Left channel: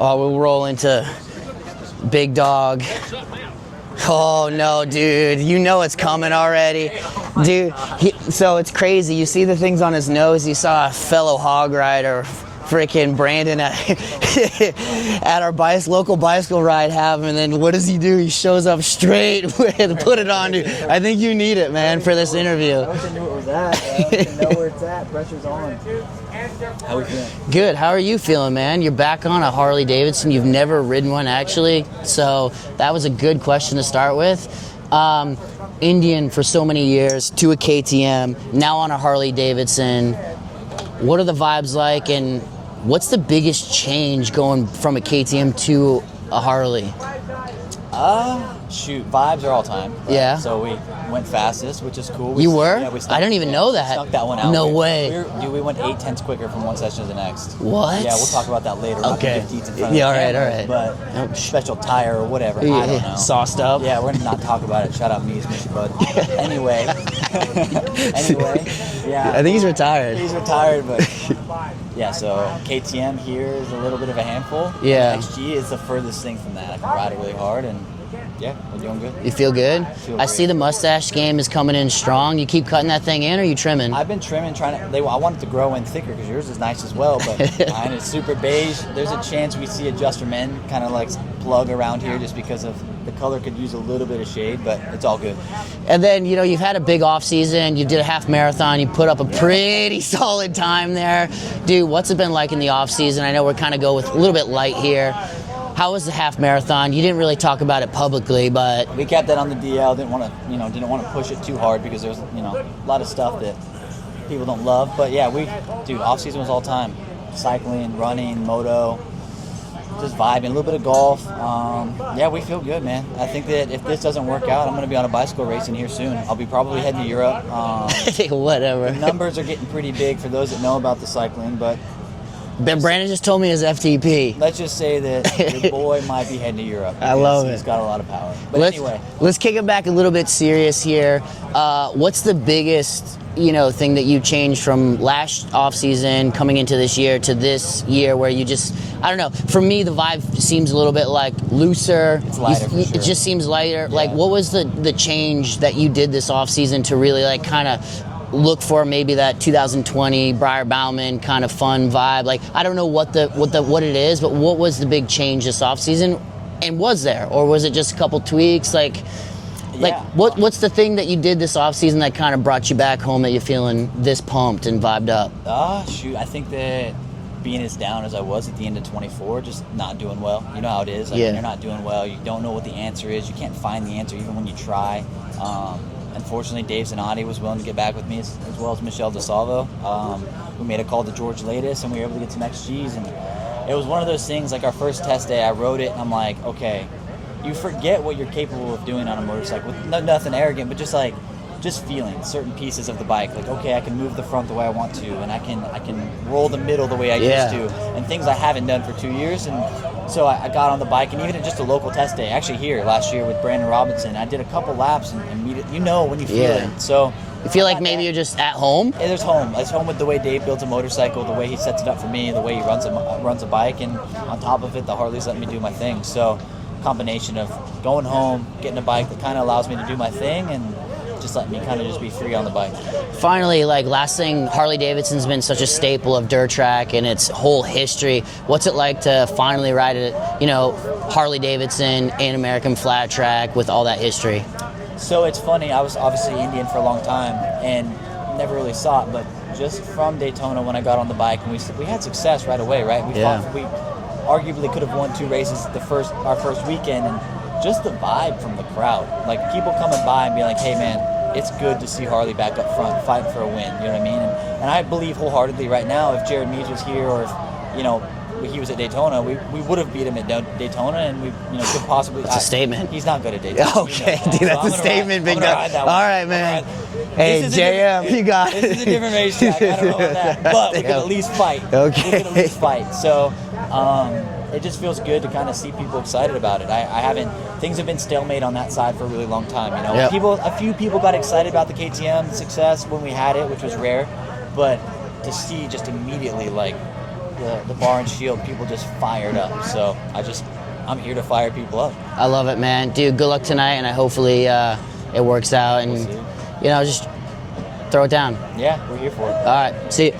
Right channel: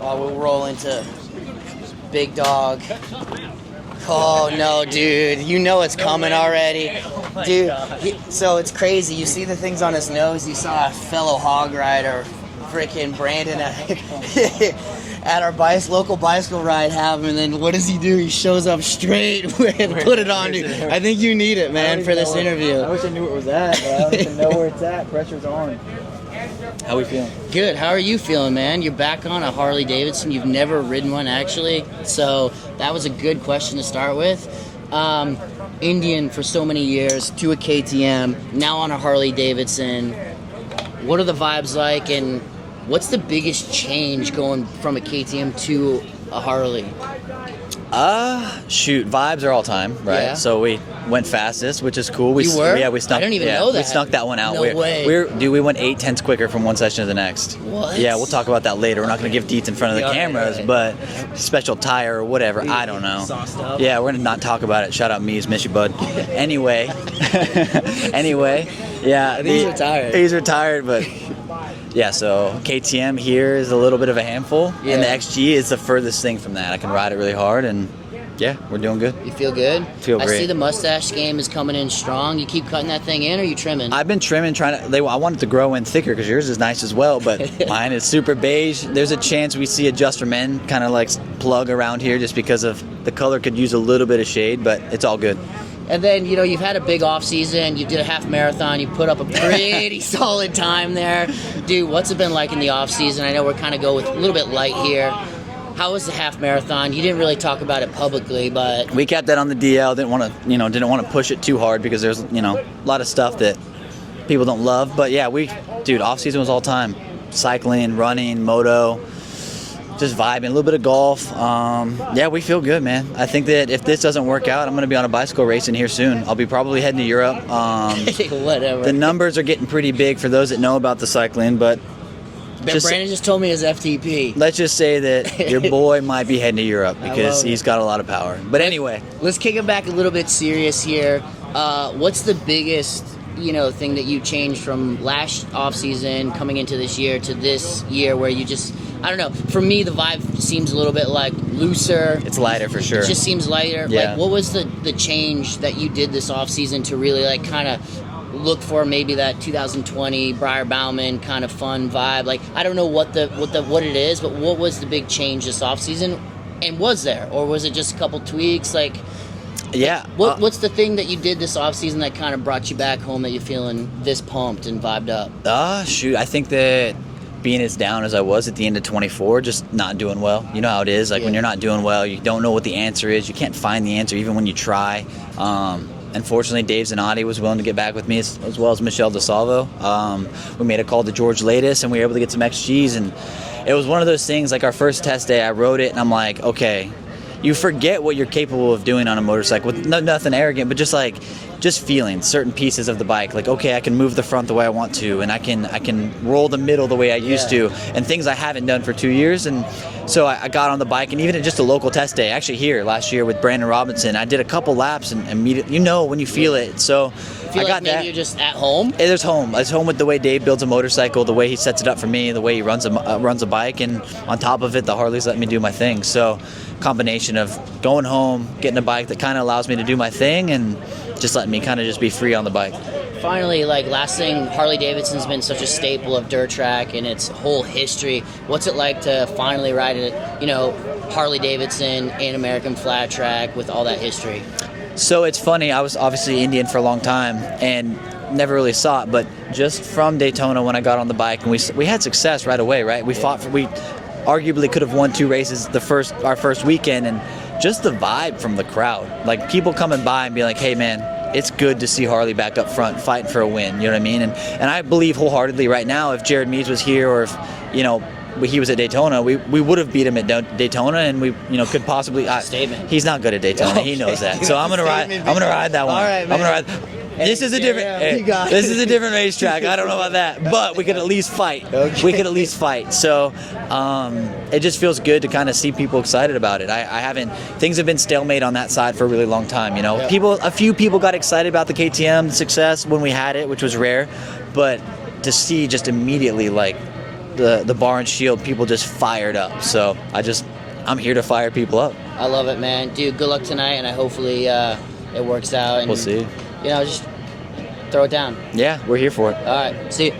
Oh, we'll roll into Big Dog. Oh, no, dude. You know it's coming already. Dude, so it's crazy. You see the things on his nose. You saw a fellow hog rider, freaking Brandon, at our local bicycle ride and then what does he do? He shows up straight with put it on, dude. I think you need it, man, for this interview. I wish I knew where it was at, but I don't even know where it's at. Pressure's on. How are we feeling? Good. How are you feeling, man? You're back on a Harley-Davidson. You've never ridden one, actually. So that was a good question to start with. Indian for so many years, to a KTM, now on a Harley-Davidson. What are the vibes like, and what's the biggest change going from a KTM to a Harley? Shoot, vibes are all time, right? Yeah. So we went fastest, which is cool. You were? Yeah, we snuck, I didn't even know that. We snuck that one out. No way. We went 8/10 quicker from one session to the next. What? Yeah, we'll talk about that later. We're not going to give deets in front of the cameras, right. but special tire or whatever, I don't know. Sauced up. Yeah, we're going to not talk about it. Shout out Mees, miss you, bud. Anyway, yeah. I think he's retired. He's retired, but... Yeah, so KTM here is a little bit of a handful, and the XG is the furthest thing from that. I can ride it really hard, and yeah, we're doing good. You feel good? Feel great. I see the mustache game is coming in strong. You keep cutting that thing in, or are you trimming? I've been trimming, I want it to grow in thicker because yours is nice as well, but mine is super beige. There's a chance we see a Just for Men kind of like plug around here just because of the color could use a little bit of shade, but it's all good. And then, you've had a big off season. You did a half marathon. You put up a pretty solid time there. Dude, what's it been like in the off season? I know we're kind of go with a little bit light here. How was the half marathon? You didn't really talk about it publicly, but we kept that on the DL. Didn't want to push it too hard because there's a lot of stuff that people don't love. But yeah, off season was all time. Cycling, running, moto, just vibing, a little bit of golf. Yeah, we feel good, man. I think that if this doesn't work out, I'm going to be on a bicycle racing here soon. I'll be probably heading to Europe. Whatever. The numbers are getting pretty big for those that know about the cycling, but Brandon just told me his FTP. Let's just say that your boy might be heading to Europe because he's got a lot of power. But anyway. Let's kick it back a little bit serious here. What's the biggest, thing that you changed from last off season coming into this year to this year where you just, I don't know, for me the vibe seems a little bit like looser. It's lighter for sure. It just seems lighter. Yeah. Like, what was the change that you did this off season to really like kind of look for maybe that 2020 Briar Bauman kind of fun vibe? Like, I don't know what it is, but what was the big change this off season? And was there, or was it just a couple tweaks? What's the thing that you did this off season that kind of brought you back home that you're feeling this pumped and vibed up? I think that being as down as I was at the end of 24, just not doing well. You know how it is. When you're not doing well, you don't know what the answer is. You can't find the answer even when you try. Unfortunately, Dave Zanotti was willing to get back with me as well as Michelle DeSalvo. We made a call to George Latis, and we were able to get some XGs. And it was one of those things, like our first test day, I rode it, and I'm like, okay, you forget what you're capable of doing on a motorcycle with nothing arrogant, but just feeling certain pieces of the bike. Like, okay, I can move the front the way I want to, and I can roll the middle the way I used to, and things I haven't done for 2 years. And so I got on the bike, and even at just a local test day, actually here last year with Brandon Robinson, I did a couple laps and immediately, when you feel it. So you feel like maybe you're just at home? It is home. It's home with the way Dave builds a motorcycle, the way he sets it up for me, the way he runs a bike, and on top of it, the Harley's letting me do my thing. So combination of going home, getting a bike that kind of allows me to do my thing, and just letting me kind of just be free on the bike. Finally, last thing, Harley-Davidson's been such a staple of dirt track and its whole history. What's it like to finally ride it, Harley-Davidson and American flat track with all that history? So it's funny, I was obviously Indian for a long time and never really saw it, but just from Daytona when I got on the bike, and we had success right away, right? We arguably could have won 2 races our first weekend, and just the vibe from the crowd, like people coming by and being like, hey man, it's good to see Harley back up front fighting for a win, you know what I mean? And I believe wholeheartedly right now, if Jared Mees was here, or if he was at Daytona, we would have beat him at Daytona, and we could possibly. It's a statement. He's not good at Daytona. Okay. He knows that. Dude, so I'm gonna ride that one. All right, man. This is a different racetrack. I don't know about that, but we could at least fight. Okay. We could at least fight. So. It just feels good to kind of see people excited about it. Things have been stalemate on that side for a really long time. Yep. A few people got excited about the KTM success when we had it, which was rare, but to see just immediately the bar and shield, people just fired up. So I'm here to fire people up. I love it, man. Dude, good luck tonight, and hopefully it works out. And, We'll see. You know, just throw it down. Yeah, we're here for it. All right, see you.